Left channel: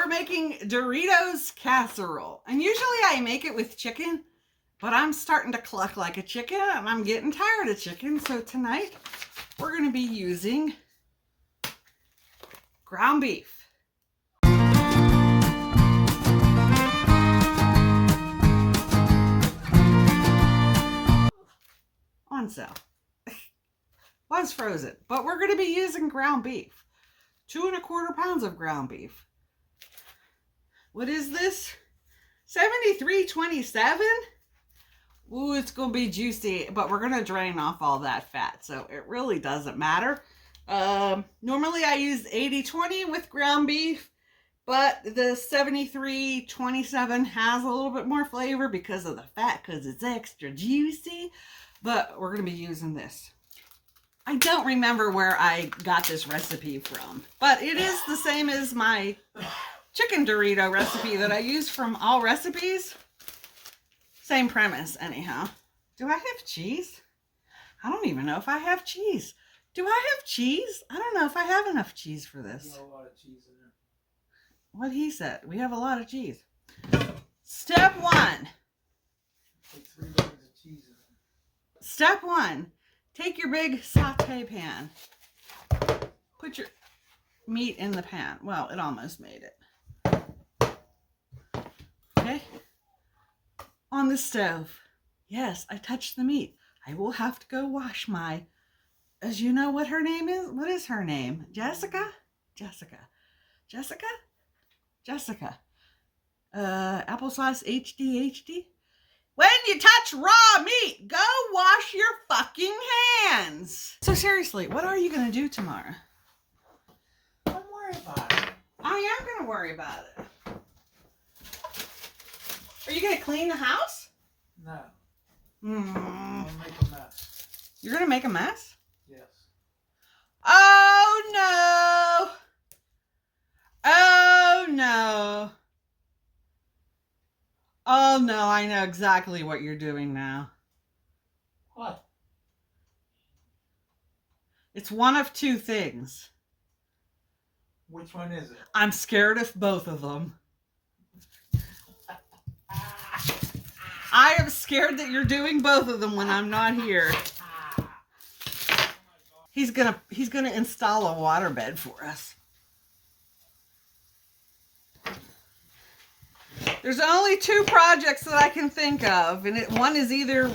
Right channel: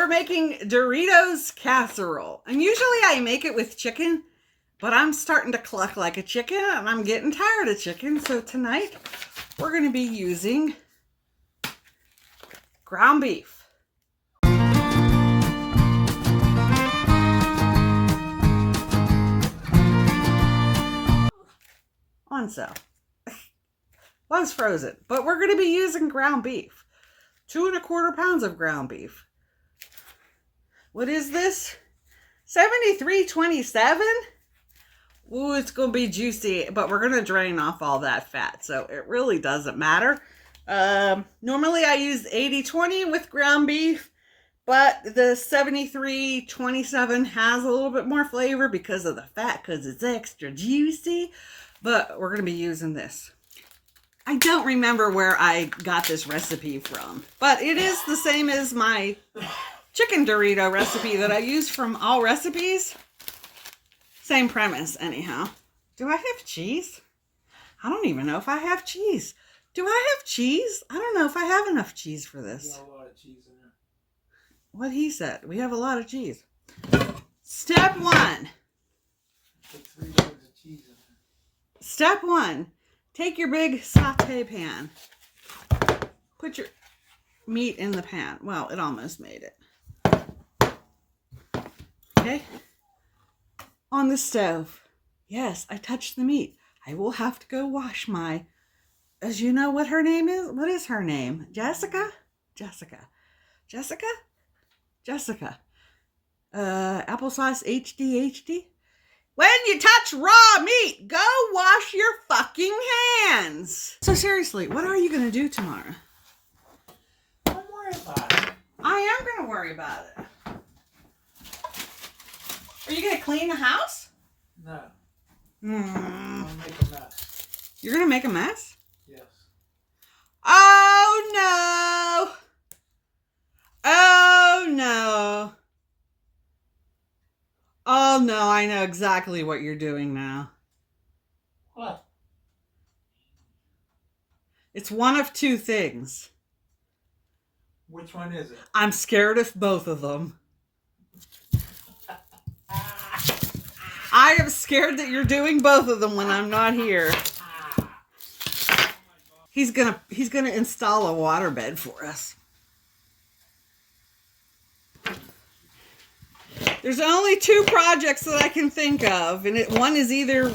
We're making Doritos Casserole. And usually I make it with chicken, but I'm starting to cluck like a chicken and I'm getting tired of chicken. So tonight we're going to be using ground beef. On sale. Was frozen, but we're going to be using ground beef. 2 1/4 pounds of ground beef. What is this? 73.27. Ooh, it's going to be juicy, but we're going to drain off all that fat, so it really doesn't matter. Normally I use 80-20 with ground beef, but the 73.27 has a little bit more flavor because of the fat, because it's extra juicy, but we're going to be using this. I don't remember where I got this recipe from, but it is the same as my chicken Dorito recipe that I use from All Recipes. Same premise, anyhow. Do I have cheese? I don't even know if I have cheese. Do I have cheese? I don't know if I have enough cheese for this. You got a lot of cheese in there. What he said. We have a lot of cheese. Step 1. Put 3 bags of cheese in there. Step 1. Take your big saute pan. Put your meat in the pan. Well, it almost made it. Okay. On the stove. Yes, I touched the meat. I will have to go wash my... As you know what her name is? What is her name? Jessica? Jessica. Jessica? Jessica. Applesauce HD. When you touch raw meat, go wash your fucking hands. So seriously, what are you going to do tomorrow? Don't worry about it. I am going to worry about it. Are you going to clean the house? No. I'm going to make a mess. You're going to make a mess? Yes. Oh, no. Oh, no. Oh, no, I know exactly what you're doing now. What? It's one of two things. Which one is it? I'm scared of both of them. I am scared that you're doing both of them when I'm not here. He's gonna install a waterbed for us. There's only 2 projects that I can think of, and one is either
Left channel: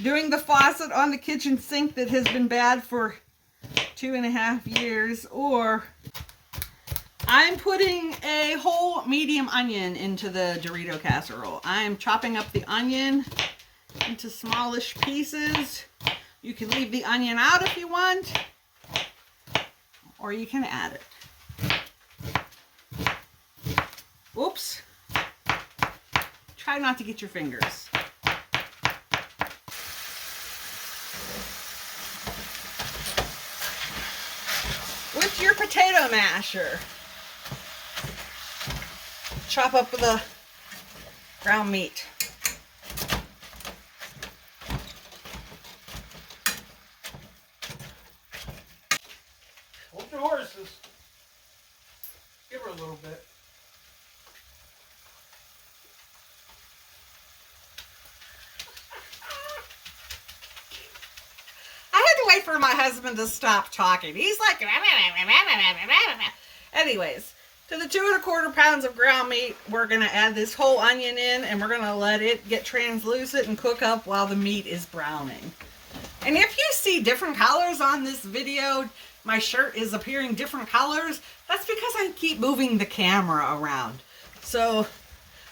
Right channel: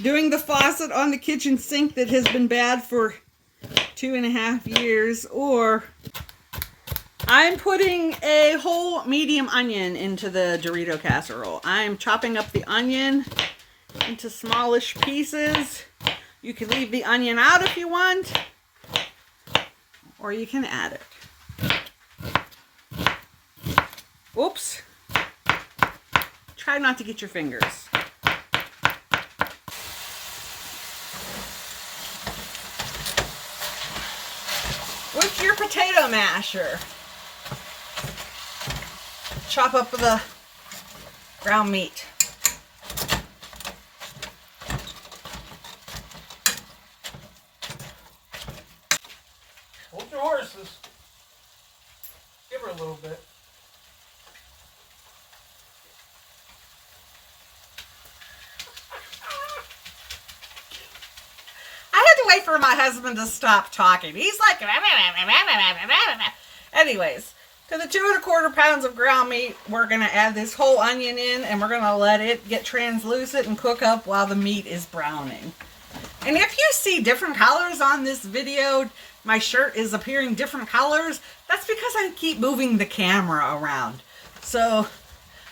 doing the faucet on the kitchen sink that has been bad for 2.5 years, or I'm putting a whole medium onion into the Dorito casserole. I'm chopping up the onion into smallish pieces. You can leave the onion out if you want, or you can add it. Oops. Try not to get your fingers. With your potato masher, chop up the ground meat. Hold your horses. Give her a little bit. Wait for my husband to stop talking. He's like, anyways, to the 2 1/4 pounds of ground meat, we're going to add this whole onion in, and we're going to let it get translucent and cook up while the meat is browning. And if you see different colors on this video, my shirt is appearing different colors, that's because I keep moving the camera around. So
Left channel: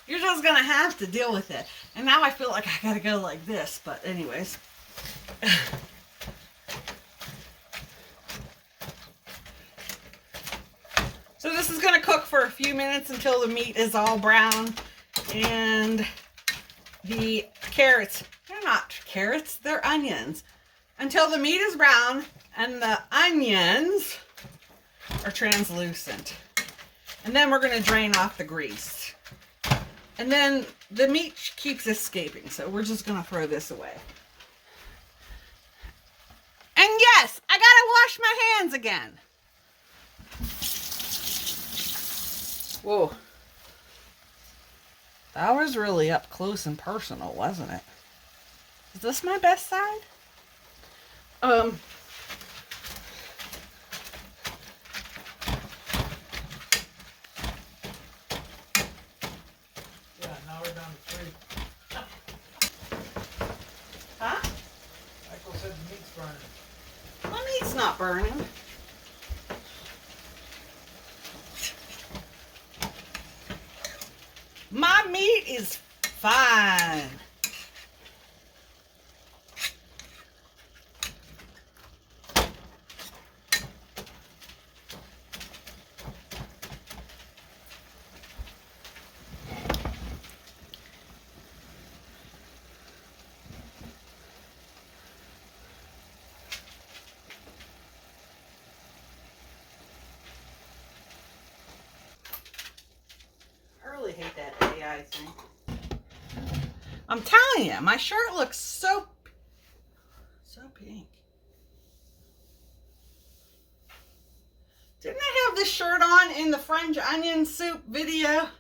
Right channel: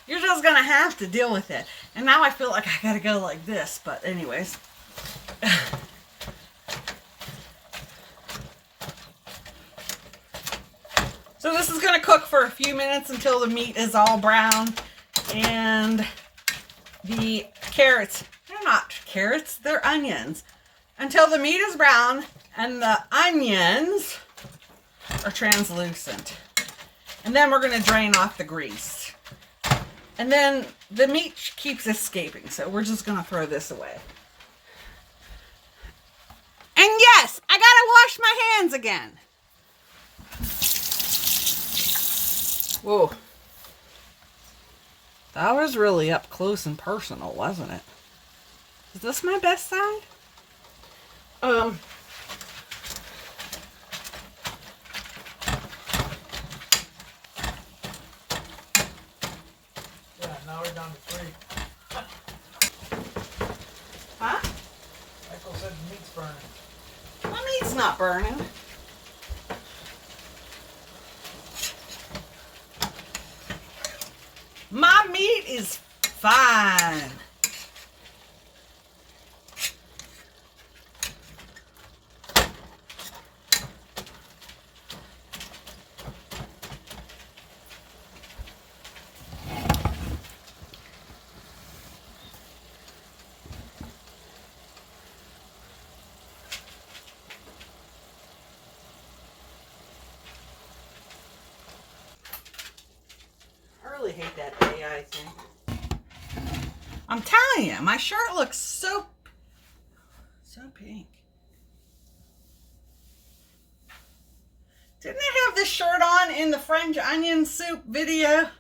you're just going to have to deal with it. And now I feel like I got to go like this, but anyways. So this is going to cook for a few minutes until the meat is all brown, and the carrots, they're not carrots, they're onions. Until the meat is brown and the onions are translucent. And then we're going to drain off the grease. And then the meat keeps escaping, so we're just going to throw this away. And yes, I got to wash my hands again. Whoa. That was really up close and personal, wasn't it? Is this my best side? Yeah, now we're down to 3. Huh? Michael said the meat's burning. My meat's not burning. My meat is fine. I really hate that AI thing. I'm telling you, my shirt looks so pink. Didn't I have this shirt on in the French onion soup video?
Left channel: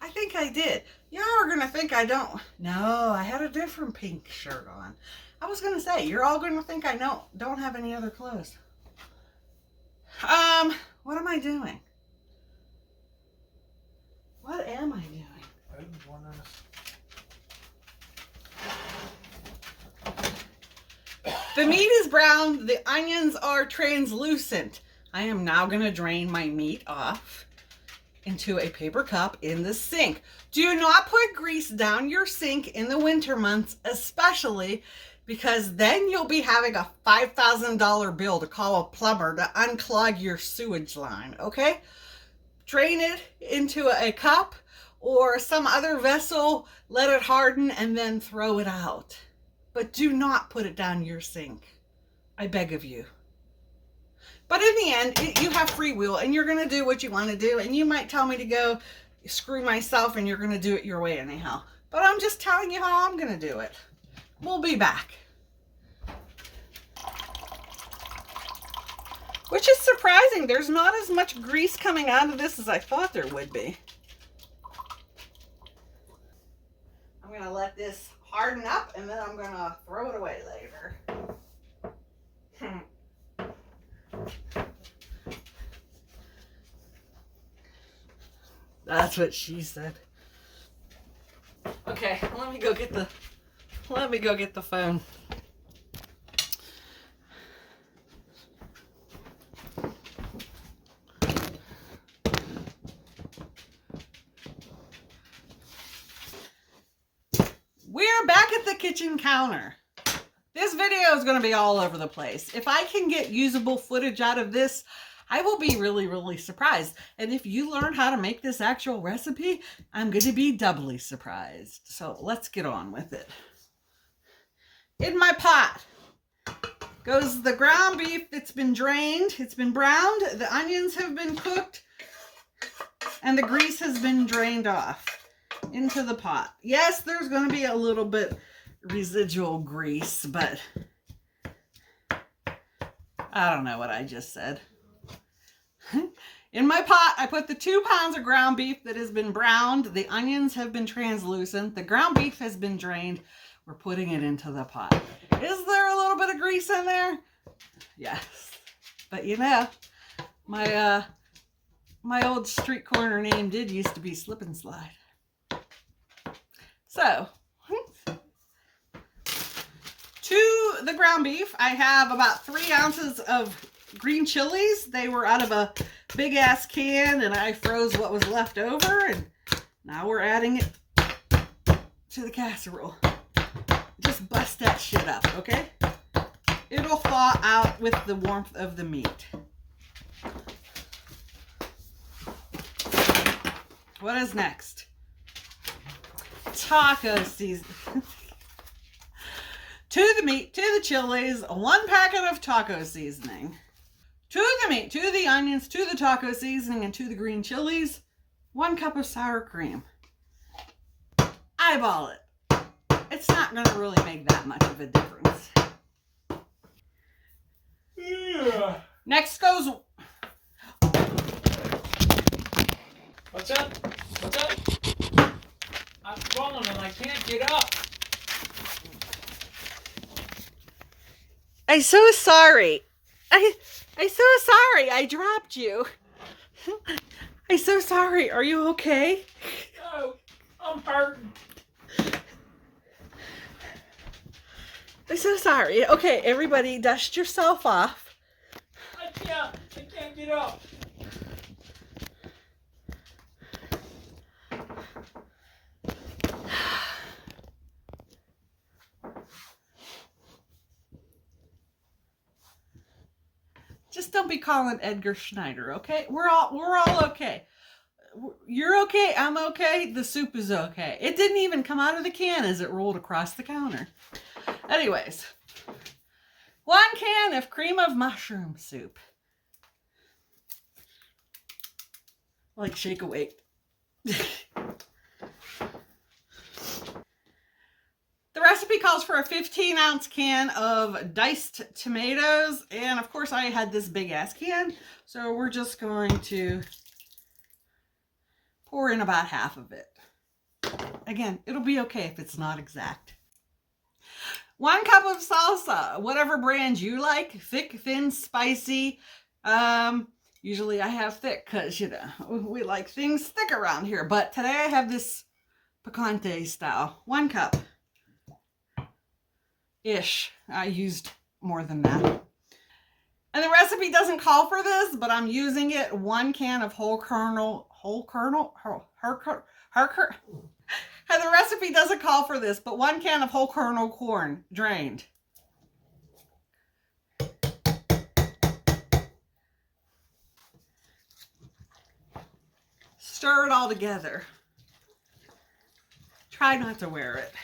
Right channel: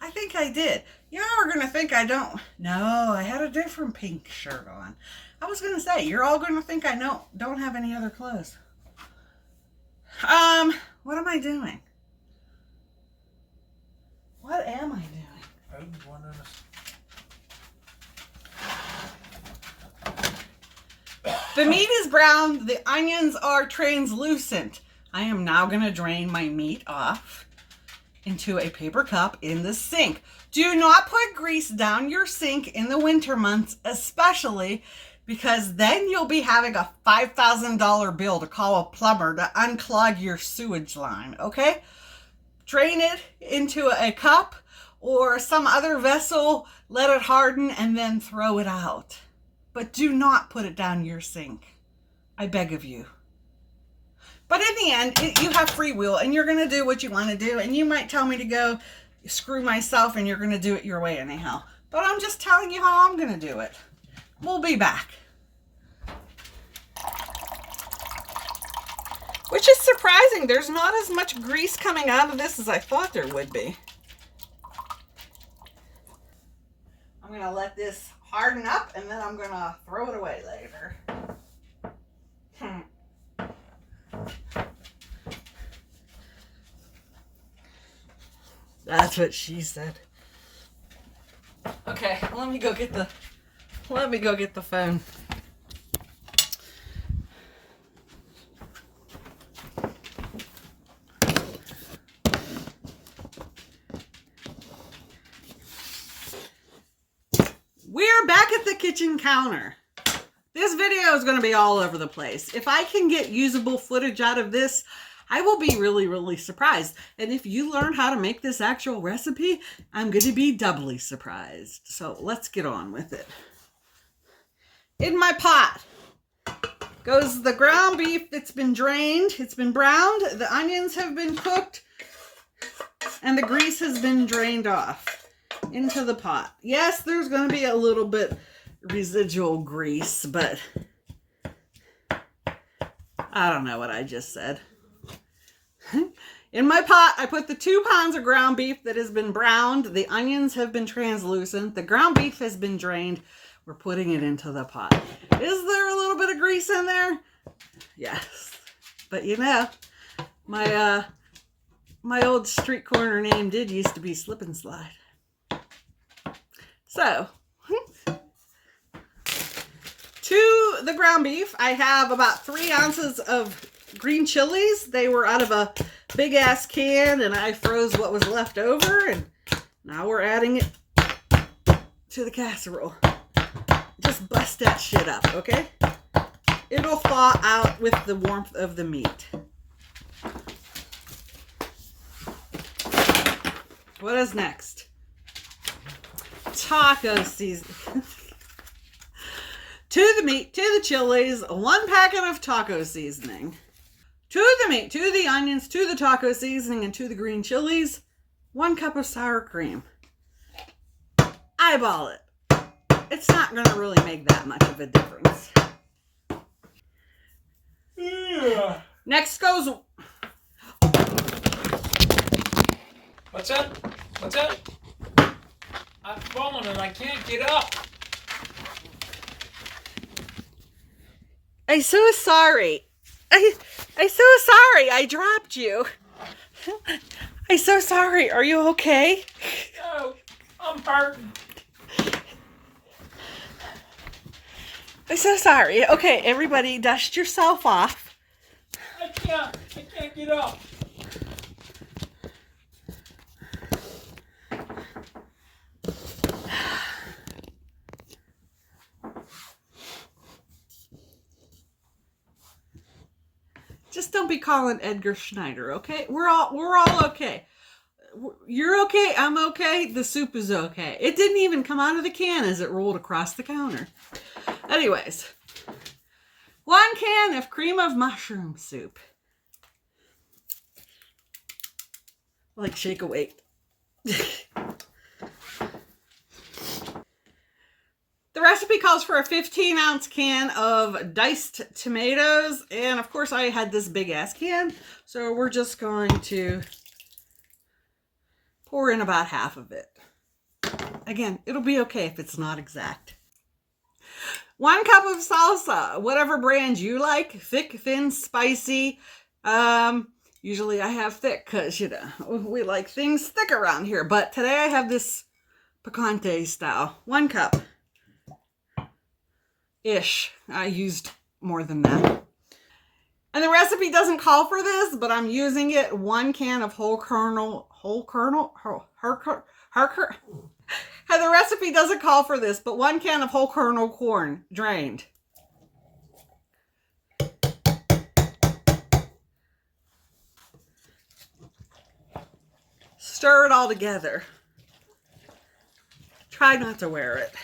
I think I did. Y'all are gonna think I don't. No, I had a different pink shirt on. I was gonna say, you're all gonna think I don't have any other clothes. What am I doing? What am I doing? I was wondering. The meat is brown. The onions are translucent. I am now going to drain my meat off into a paper cup in the sink. Do not put grease down your sink in the winter months, especially because then you'll be having a $5,000 bill to call a plumber to unclog your sewage line, okay? Drain it into a cup or some other vessel, let it harden, and then throw it out. But do not put it down your sink. I beg of you. But in the end, you have free will, and you're going to do what you want to do. And you might tell me to go screw myself, and you're going to do it your way anyhow. But I'm just telling you how I'm going to do it. We'll be back. Which is surprising. There's not as much grease coming out of this as I thought there would be. I'm going to let this harden up, and then I'm going to throw it away later. That's what she said. Okay, let me go get the phone. We're back at the kitchen counter. This video is going to be all over the place. If I can get usable footage out of this, I will be really, really surprised. And if you learn how to make this actual recipe, I'm going to be doubly surprised. So let's get on with it. In my pot goes the ground beef that's been drained. It's been browned. The onions have been cooked. And the grease has been drained off into the pot. Yes, there's going to be a little bit residual grease, but I don't know what I just said. In my pot, I put the 2 pounds of ground beef that has been browned. The onions have been translucent. The ground beef has been drained. We're putting it into the pot. Is there a little bit of grease in there? Yes. But you know, my old street corner name did used to be Slip and Slide. So, to the ground beef, I have about 3 ounces of green chilies. They were out of a big ass can, and I froze what was left over, and now we're adding it to the casserole. Just bust that shit up, okay? It'll thaw out with the warmth of the meat. What is next? Taco seasoning. To the meat, to the chilies, 1 packet of taco seasoning. To the meat, to the onions, to the taco seasoning, and to the green chilies, 1 cup of sour cream. Eyeball it. It's not going to really make that much of a difference. Yeah. Next goes... But What's that? What's that? I'm falling and I can't get up. I'm so sorry. I'm so sorry. I dropped you. I'm so sorry. Are you okay? No, I'm hurting. I'm so sorry. Okay, everybody, dust yourself off. I can't get up. Just don't be calling Edgar Schneider, okay? We're all okay. You're okay. I'm okay. The soup is okay. It didn't even come out of the can as it rolled across the counter. Anyways, 1 can of cream of mushroom soup. Like shake awake. The recipe calls for a 15-ounce can of diced tomatoes. And of course I had this big ass can. So we're just going to pour in about half of it. Again, it'll be okay if it's not exact. 1 cup of salsa, whatever brand you like. Thick, thin, spicy. Usually I have thick because, you know, we like things thick around here. But today I have this picante style. 1 cup. Ish. I used more than that. And the recipe doesn't call for this, but I'm using it. 1 can of whole kernel. And the recipe doesn't call for this, but 1 can of whole kernel corn, drained. Stir it all together. Try not to wear it.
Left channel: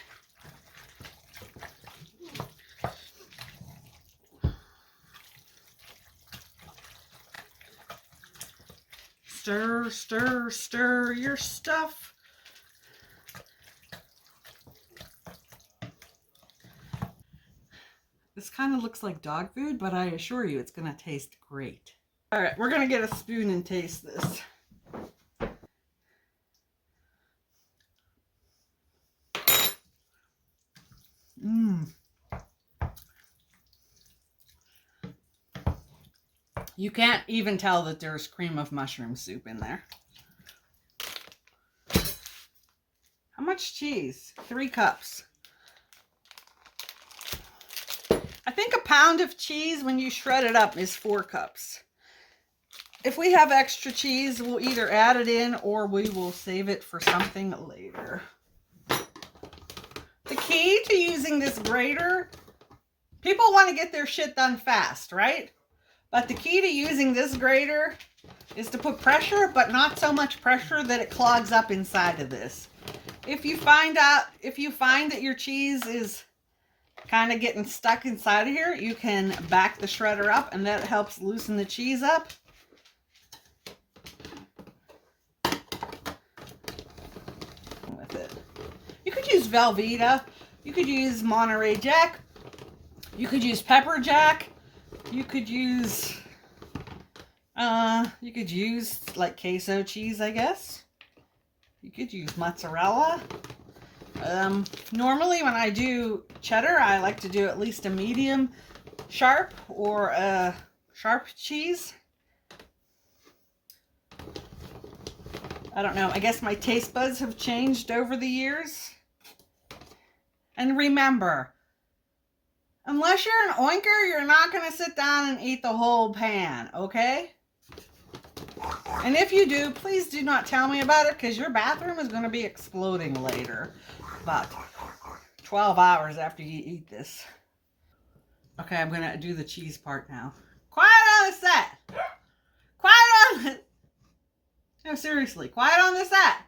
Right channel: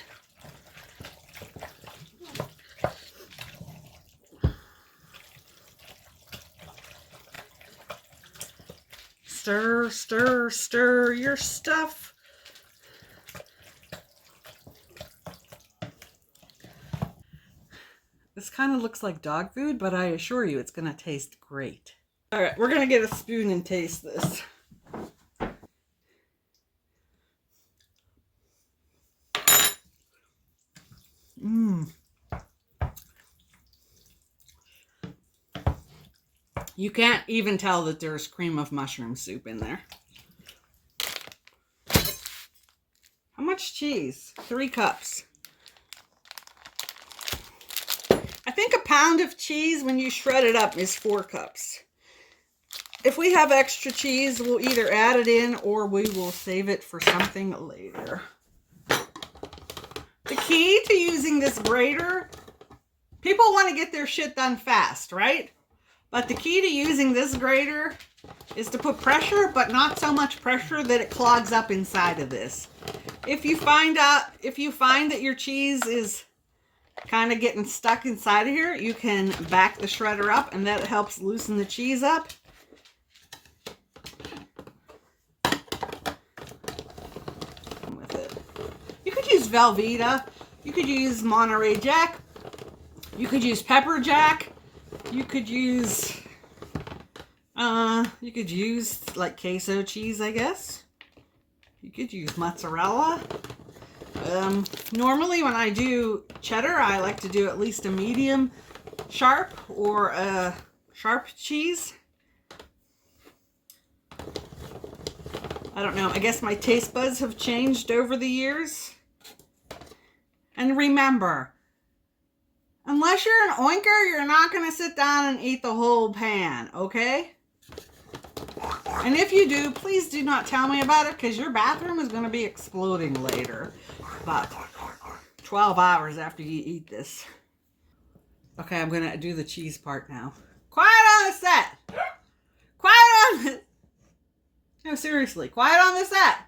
Stir, stir, stir your stuff. This kind of looks like dog food, but I assure you it's going to taste great. All right, we're going to get a spoon and taste this. You can't even tell that there's cream of mushroom soup in there. How much cheese? 3 cups. I think a pound of cheese when you shred it up is 4 cups. If we have extra cheese, we'll either add it in or we will save it for something later. The key to using this grater, people want to get their shit done fast, right? But the key to using this grater is to put pressure, but not so much pressure that it clogs up inside of this. If you find that your cheese is kind of getting stuck inside of here, you can back the shredder up and that helps loosen the cheese up. With it. You could use Velveeta, you could use Monterey Jack, you could use Pepper Jack. You could use like queso cheese, I guess. You could use mozzarella. Normally when I do cheddar, I like to do at least a medium sharp or a sharp cheese. I don't know. I guess my taste buds have changed over the years. And remember, unless you're an oinker, you're not going to sit down and eat the whole pan, okay? And if you do, please do not tell me about it because your bathroom is going to be exploding later. About 12 hours after you eat this. Okay, I'm going to do the cheese part now. Quiet on the set! Quiet on the... No, seriously, quiet on the set!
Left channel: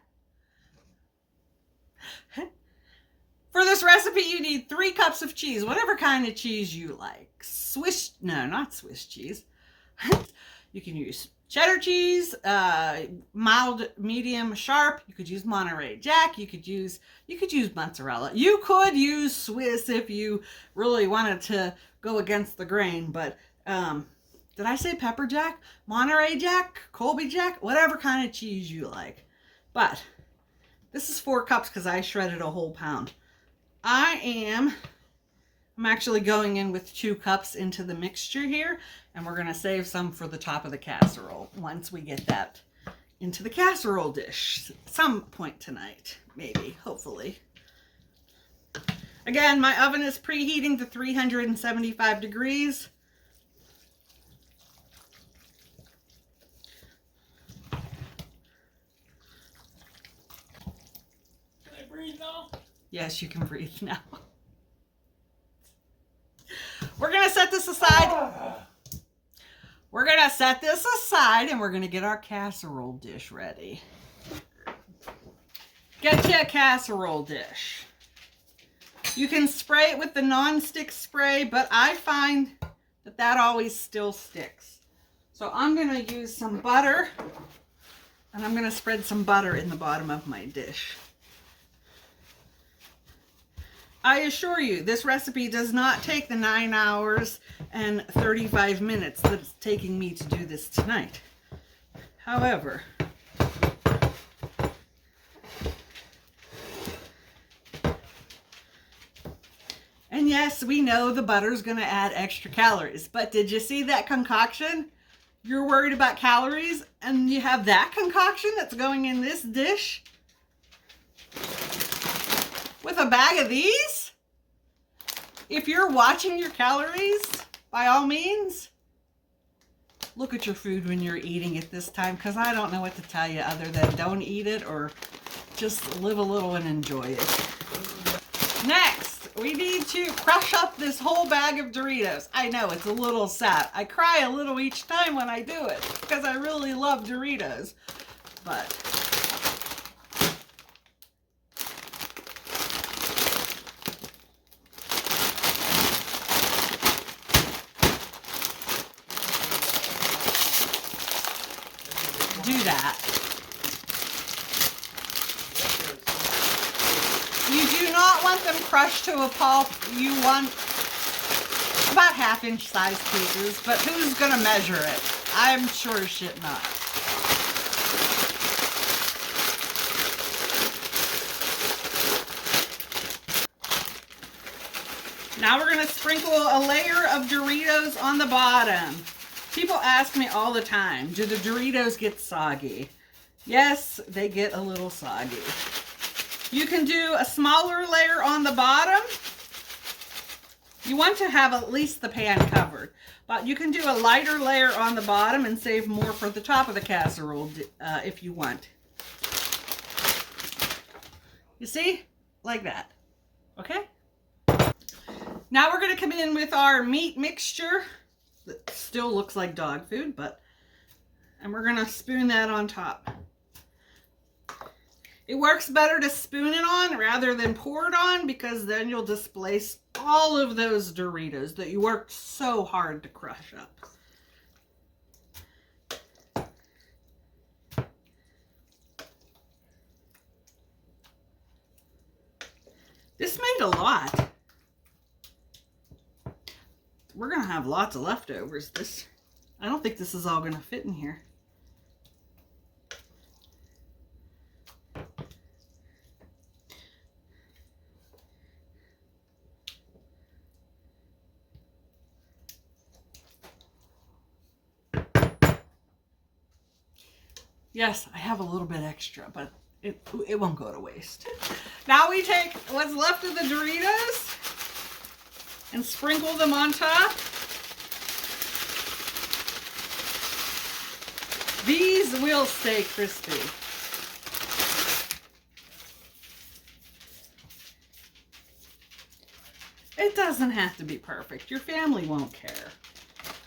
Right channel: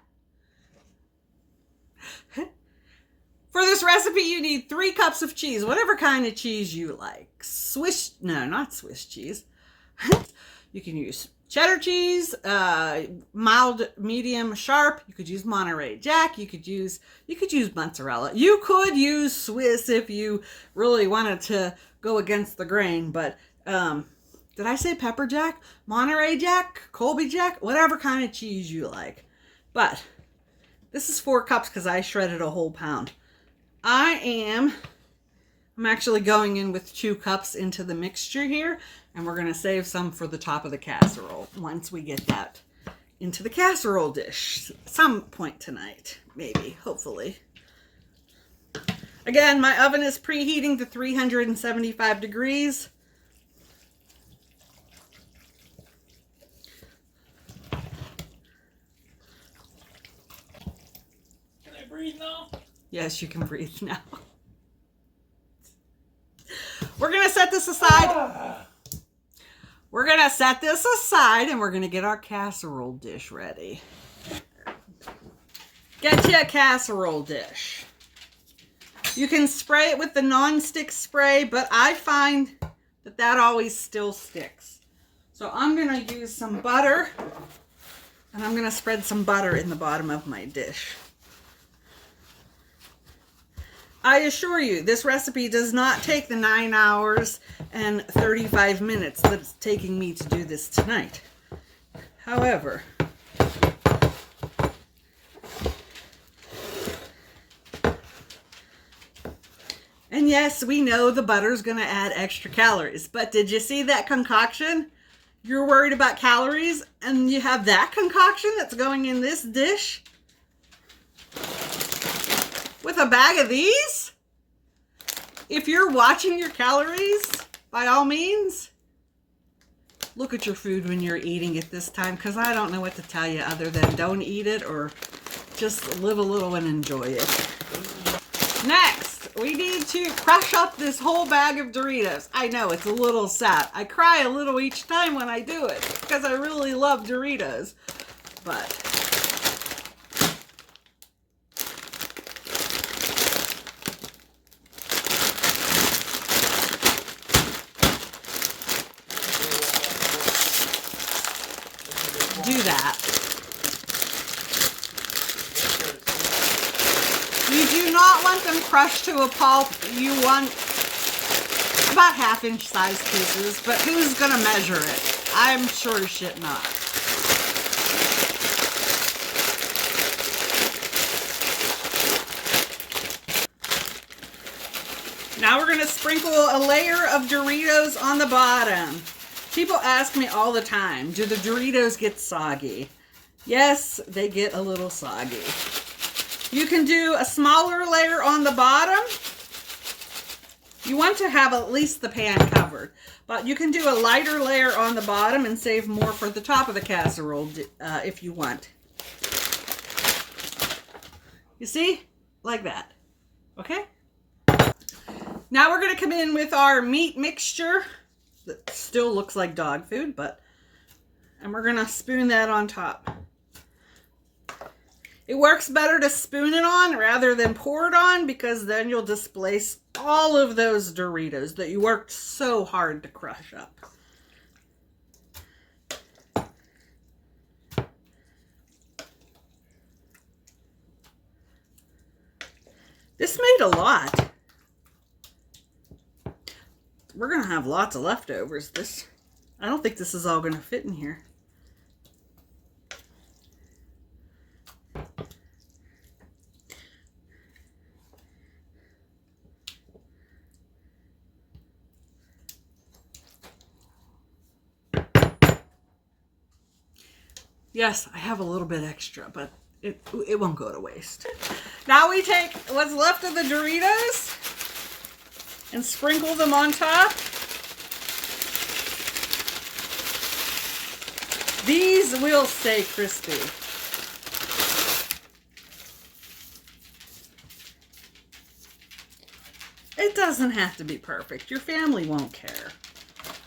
For this recipe, you need 3 cups of cheese, whatever kind of cheese you like. Not Swiss cheese. You can use cheddar cheese, mild, medium, sharp. You could use Monterey Jack. You could use mozzarella. You could use Swiss if you really wanted to go against the grain. But did I say Pepper Jack, Monterey Jack, Colby Jack, whatever kind of cheese you like. But this is 4 cups because I shredded a whole pound. I'm actually going in with 2 cups into the mixture here, and we're going to save some for the top of the casserole once we get that into the casserole dish some point tonight, maybe, hopefully. Again, my oven is preheating to 375 degrees. Can I breathe now? Yes, you can breathe now. We're going to set this aside. We're going to set this aside and we're going to get our casserole dish ready. Get you a casserole dish. You can spray it with the non-stick spray, but I find that always still sticks. So I'm going to use some butter, and I'm going to spread some butter in the bottom of my dish. I assure you, this recipe does not take the 9 hours and 35 minutes that it's taking me to do this tonight. However, and yes, we know the butter's going to add extra calories, but did you see that concoction? You're worried about calories, and you have that concoction that's going in this dish with a bag of these? If you're watching your calories, by all means, look at your food when you're eating it this time, because I don't know what to tell you other than don't eat it or just live a little and enjoy it. Next, we need to crush up this whole bag of Doritos. I know, it's a little sad. I cry a little each time when I do it because I really love Doritos. But do that. You do not want them crushed to a pulp. You want about 1/2 inch size pieces, but who's gonna measure it? I'm sure as shit not. Now we're gonna sprinkle a layer of Doritos on the bottom. People ask me all the time, do the Doritos get soggy? Yes, they get a little soggy. You can do a smaller layer on the bottom. You want to have at least the pan covered, but you can do a lighter layer on the bottom and save more for the top of the casserole if you want. You see? Like that. Okay? Now we're going to come in with our meat mixture. That still looks like dog food, and we're going to spoon that on top. It works better to spoon it on rather than pour it on, because then you'll displace all of those Doritos that you worked so hard to crush up. This made a lot. We're going to have lots of leftovers. I don't think this is all going to fit in here. Yes, I have a little bit extra, but it won't go to waste. Now we take what's left of the Doritos and sprinkle them on top. These will stay crispy. It doesn't have to be perfect. Your family won't care.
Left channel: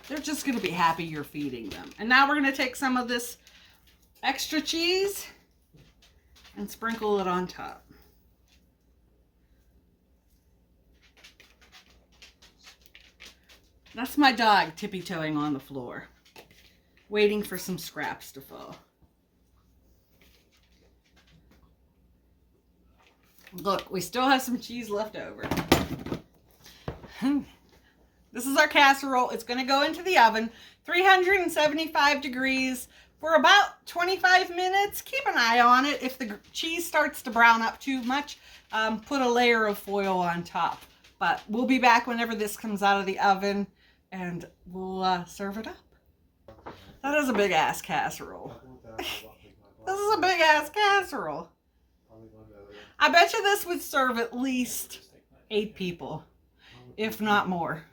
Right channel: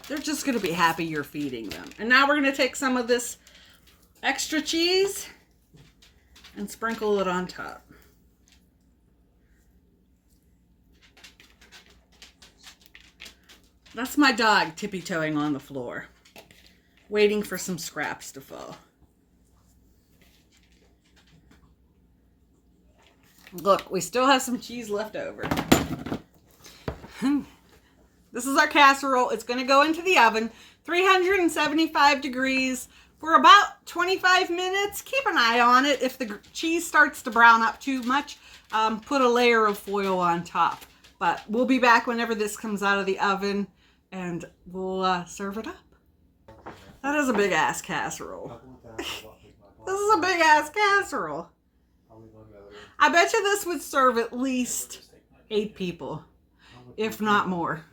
They're just going to be happy you're feeding them. And now we're going to take some of this extra cheese and sprinkle it on top. That's my dog tippy-toeing on the floor, waiting for some scraps to fall. Look, we still have some cheese left over. This is our casserole. It's going to go into the oven, 375 degrees for about 25 minutes. Keep an eye on it. If the cheese starts to brown up too much, put a layer of foil on top. But we'll be back whenever this comes out of the oven, and we'll serve it up. That is a big ass casserole. This is a big ass casserole. I bet you this would serve at least 8 people, if not more.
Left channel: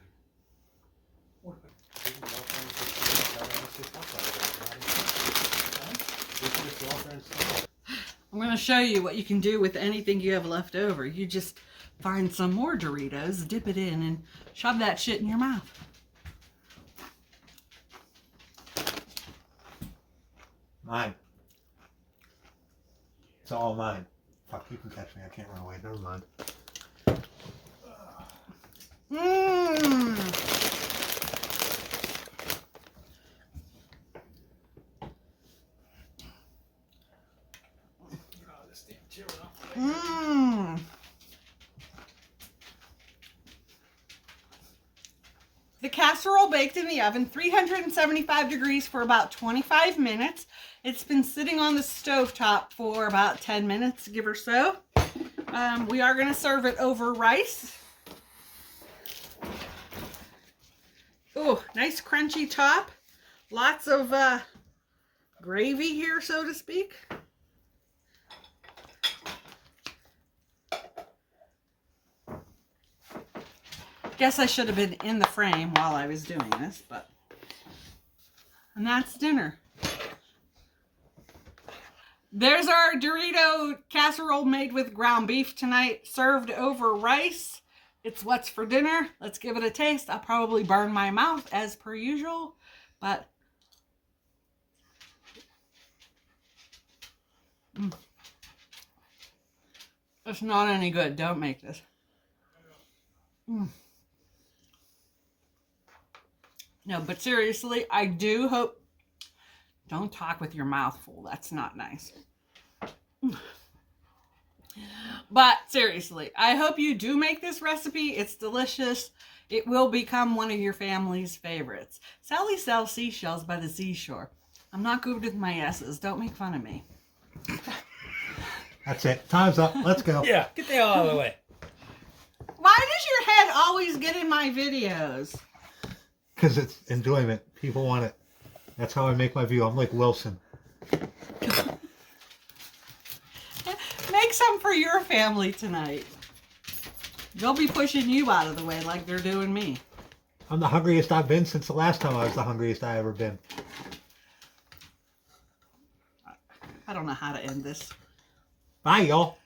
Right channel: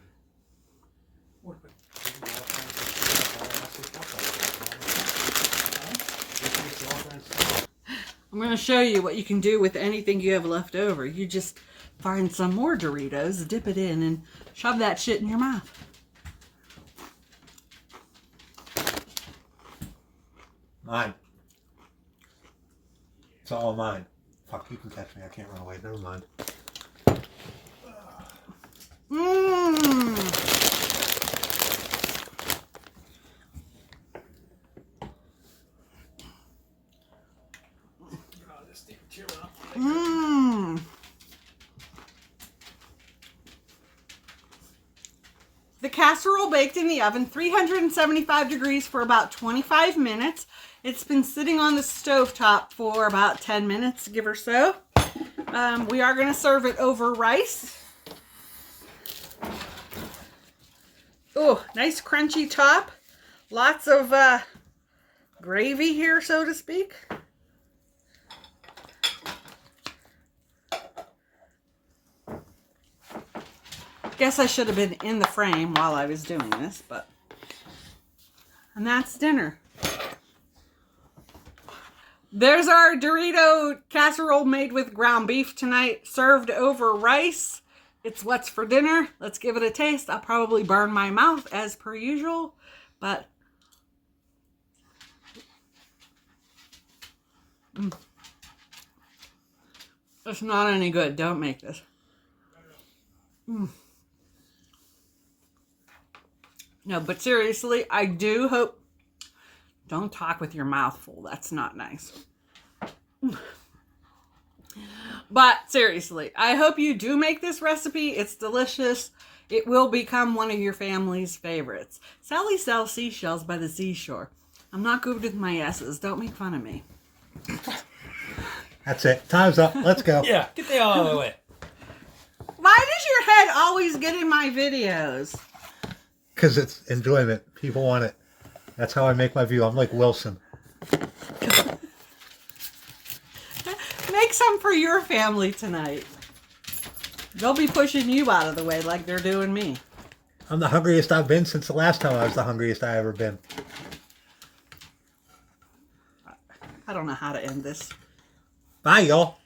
I'm going to show you what you can do with anything you have left over. You just find some more Doritos, dip it in, and shove that shit in your mouth. Mine. It's all mine. Fuck, you can catch me. I can't run away. Never mind. Mmm. Mmm. The casserole baked in the oven, 375 degrees for about 25 minutes. It's been sitting on the stovetop for about 10 minutes, give or so. We are going to serve it over rice. Oh, nice crunchy top. Lots of gravy here, so to speak. Guess I should have been in the frame while I was doing this, but... And that's dinner. There's our Dorito casserole made with ground beef tonight, served over rice. It's what's for dinner. Let's give it a taste. I'll probably burn my mouth as per usual, but... It's not any good. Don't make this. No, but seriously, I do hope... Don't talk with your mouth full. That's not nice. But seriously, I hope you do make this recipe. It's delicious. It will become one of your family's favorites. Sally sells seashells by the seashore. I'm not good with my S's. Don't make fun of me. That's it. Time's up. Let's go. Yeah, get the hell out of the way. Why does your head always get in my videos? Because it's enjoyment. People want it. That's how I make my view. I'm like Wilson. Make some for your family tonight. They'll be pushing you out of the way like they're doing me. I'm the hungriest I've been since the last time I was the hungriest I ever been. I don't know how to end this. Bye, y'all.